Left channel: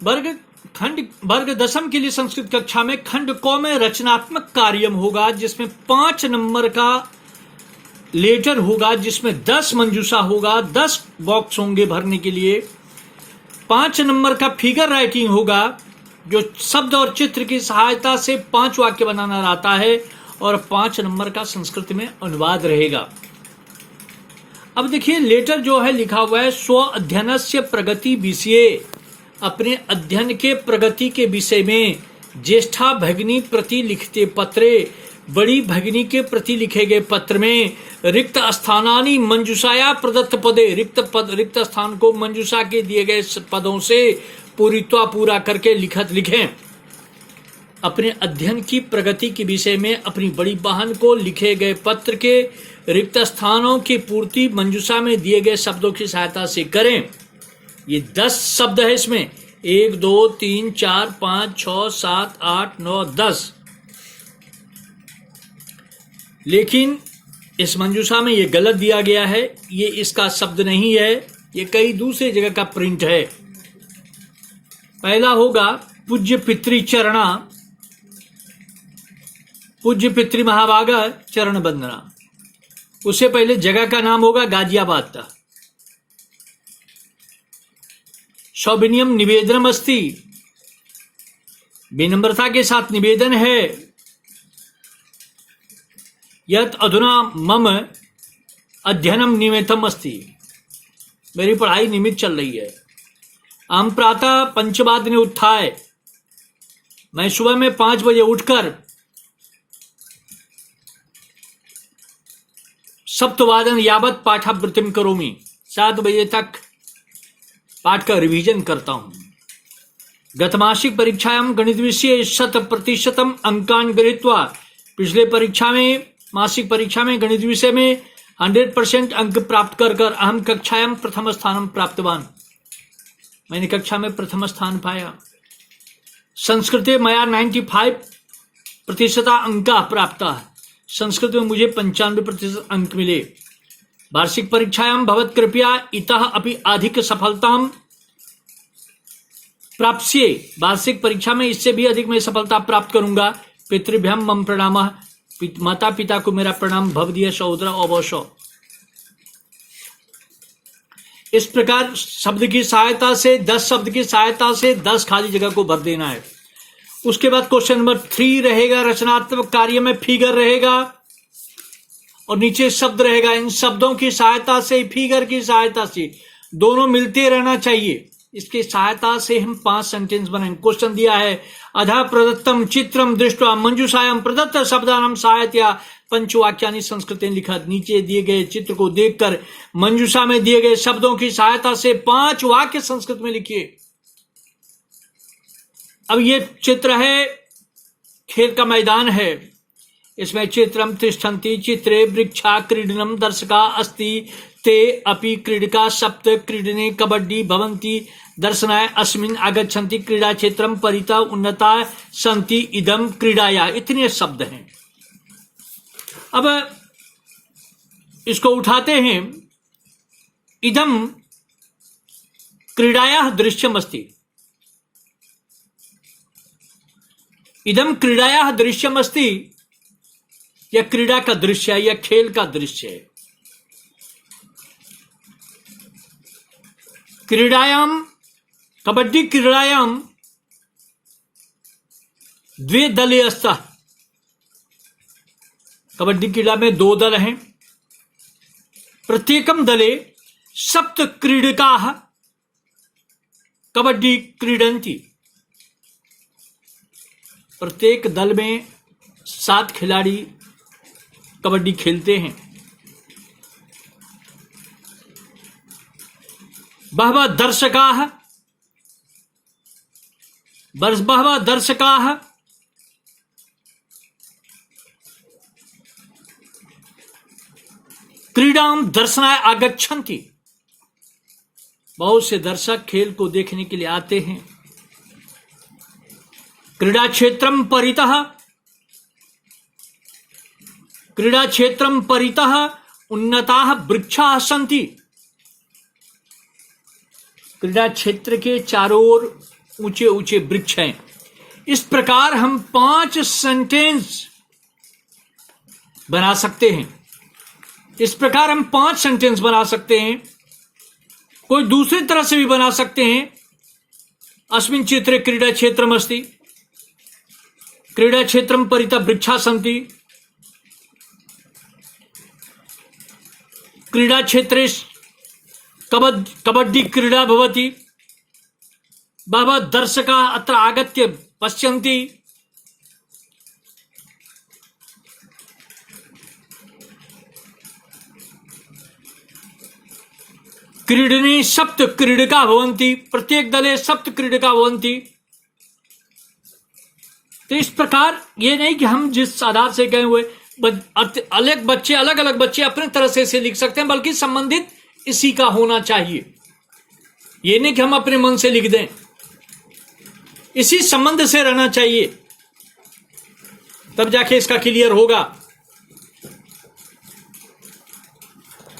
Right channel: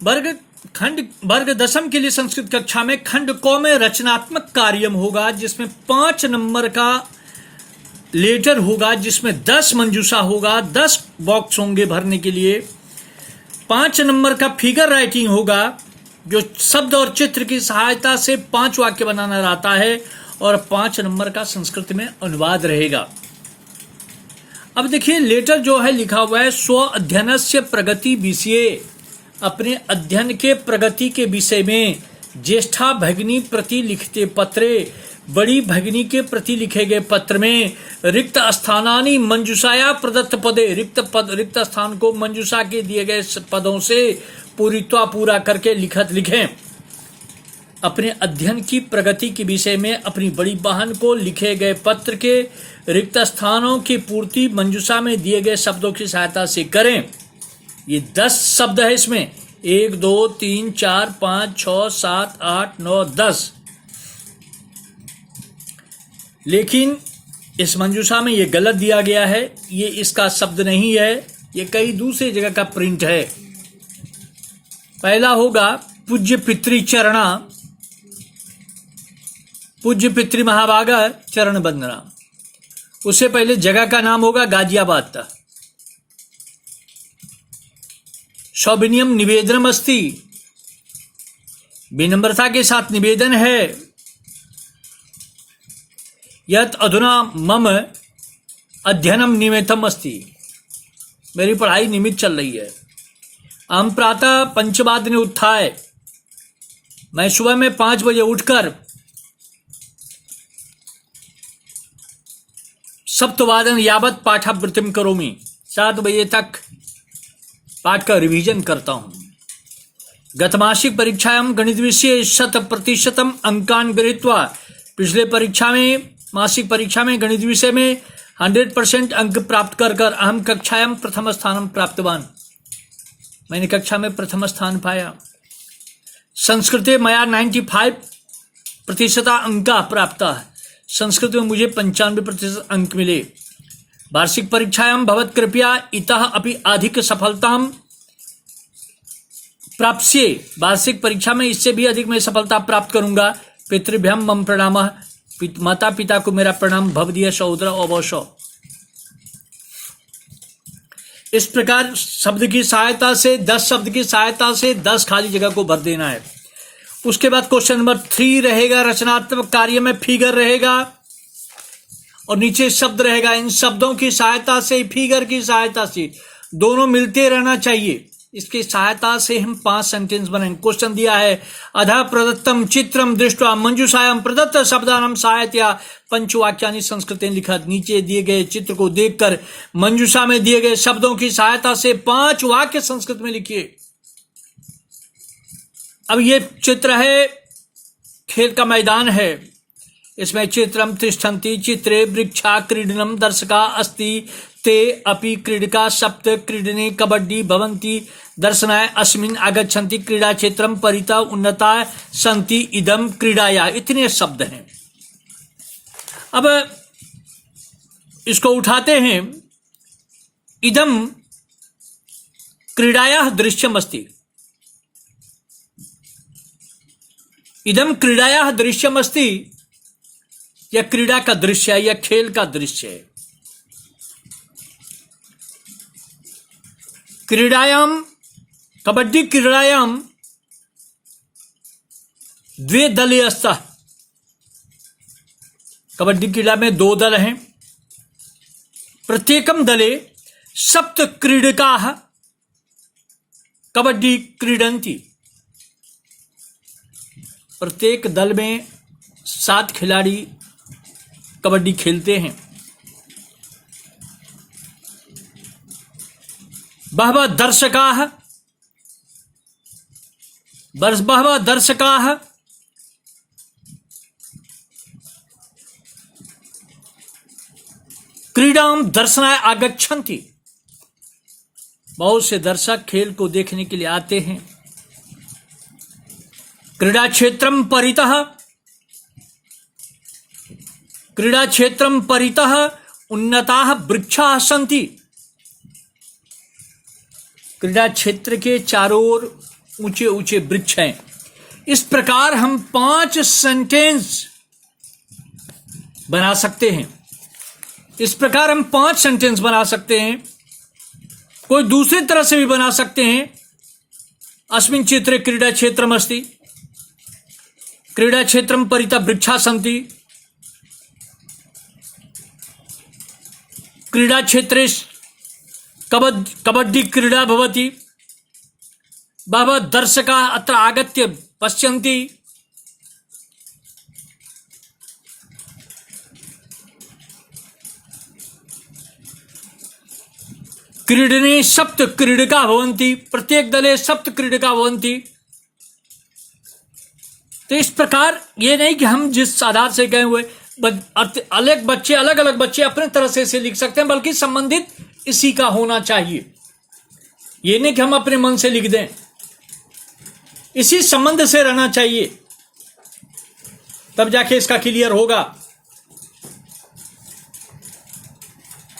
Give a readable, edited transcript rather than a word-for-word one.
वर्ग दशम के लिए संस्कृत कक्षा में खंड क में रचनात्मक कार्यम होगा, जिसमें 5 नंबर का लेटर होगा, जिसमें 10 मंजूषा होगा, 10 बॉक्स होंगे भरने के लिए। 5 नंबर का फिगर राइटिंग होगा, जो शब्द और चित्र की सहायता से 5 वाक्य बनाना रहता है, और 5 नंबर का संस्कृत में अनुवाद रहेगा। अब देखिए, लेटर जो है लिखा हुआ है, स्व अध्ययनस्य प्रगति विषये, अपने अध्ययन के प्रगति के विषय में। ज्येष्ठा भगिनी प्रति लिखते पत्रे, बड़ी भगिनी के प्रति लिखे गए पत्र में। रिक्त स्थानानि मंजूषाया प्रदत्त पदे, रिक्त स्थान को मंजूषा के दिए गए पदों से पूरा करके लिखें। अपने अध्ययन की प्रगति के विषय में अपनी बड़ी बहन को लिखे गए पत्र के रिक्त स्थानों की पूर्ति मंजूषा में दिए गए शब्दों की सहायता से करें। ये 10 शब्द है इसमें, 1 2 3 4 5 6 7 8 9 10। लेकिन इस मंजूषा में ये गलत दिया गया है, ये इसका शब्द नहीं है, ये कई दूसरी जगह का प्रिंट है। पहला होगा पूज्य पितृचरणा, पूज्य पितृ महाभागा चरण वंदना। उससे पहले जगह का नाम होगा गाजियाबाद। सौविनियम निवेदनम अस्ति, विनम्रता के साथ निवेदन है। यत अधुना मम अध्ययनम निमित्तम अस्ति, मेरी पढ़ाई निमित्त चल रही है। अहम प्रातः 5 वादने उत्थाय, मैं सुबह में 5 बजे उठकर सप्तवादन यावत पाठावृत्तिम करोमि, 7 बजे तक पाठ का रिवीजन करता हूं। गतमासिक परीक्षायां गणित विषय 100% अंकान गृहीत्वा, पिछले परीक्षा में मासिक परीक्षा में गणित विषय में 100% अंक प्राप्त कर अहम कक्षायां प्रथम स्थानं प्राप्तवान, मैंने कक्षा में प्रथम स्थान पाया। संस्कृते मया 95% अंका प्राप्त, संस्कृत में मुझे 95% अंक मिले। वार्षिक परीक्षायां भवत कृपया इतः अपि अधिक सफलतां प्राप्स्ये, वार्षिक परीक्षा में इससे भी अधिक मैं सफलता प्राप्त करूंगा। पितृभ्यम मम प्रणामः, माता पिता को मेरा प्रणाम। भवदीय सहोदर अवश्य। इस प्रकार शब्द की सहायता से 10 शब्द की सहायता से 10 खाली जगह को भर देना है। उसके बाद क्वेश्चन नंबर 3 रहेगा, रचनात्मक कार्य में फिगर रहेगा और नीचे शब्द रहेगा। इन शब्दों की सहायता से, फिगर की सहायता से, दोनों मिलते रहना चाहिए। इसकी सहायता से हम 5 सेंटेंस बनाएंगे। क्वेश्चन दिया है, अधः प्रदत्तम चित्रम दृष्ट्वा मंजूषायां प्रदत्त शब्दानां सहायतया पंचवाक्यानि संस्कृतेन लिखत। नीचे दिए गए चित्र को देखकर मंजूषा में दिए गए शब्दों की सहायता से 5 वाक्य संस्कृत में लिखिए। अब ये चित्र है, खेल का मैदान है। इसमें चित्रम तिष्ठन्ति चित्रे वृक्षा क्रीडनम दर्शका अस्ति ते अपि क्रीडका सप्त क्रीडने कबड्डी भवन्ति दर्शनाय अस्मिन् आगच्छन्ति क्रीडा क्षेत्रम परितः उन्नता सन्ति इदम क्रीडाया। इतने शब्द हैं। अब इसको उठाते हैं। इदम क्रीडाया दृश्यम अस्ति, इदम क्रीडाया दृश्यम अस्ति, यह क्रीड़ा का दृश्य है, यह खेल का दृश्य है। क्रीडायाम, कबड्डी क्रीडायाम 2 दले स्तः, कबड्डी क्रीड़ा में 2 दल हैं। प्रत्येकम दले सप्त क्रीडकाः कबड्डी क्रीडन्ति, प्रत्येक दल में 7 खिलाड़ी कबड्डी खेलते हैं। बहवः दर्शकाः क्रीडां दर्शनाय आगच्छन्ति, बहुत से दर्शक खेल को देखने के लिए आते हैं। क्रीड़ा क्षेत्रम परितः उन्नताः वृक्षाः सन्ति, क्रीड़ा क्षेत्र के चारों ओर ऊंचे ऊंचे वृक्ष हैं। इस प्रकार हम 5 सेंटेंस बना सकते हैं। इस प्रकार हम 5 सेंटेंस बना सकते हैं। कोई दूसरी तरह से भी बना सकते हैं। अस्मिन् चित्रे क्रीडा क्षेत्रम अस्ति, क्रीडा क्षेत्रम परितः वृक्षा सन्ति, क्रीडा क्षेत्रे कबड्डी क्रीडा भवति, बहवः दर्शकाः अत्र आगत्य पश्यन्ति, क्रीडने सप्त क्रीडका भवन्ति, प्रत्येक दले सप्त क्रीडका भवन्ति। तो इस प्रकार ये नहीं कि हम जिस आधार से गए हुए अलग अलग बच्चे अपने तरह से इसे लिख सकते हैं, बल्कि संबंधित इसी का होना चाहिए। ये नहीं कि हम अपने मन से लिख दें, इसी संबंध से रहना चाहिए, तब जाके इसका क्लियर होगा।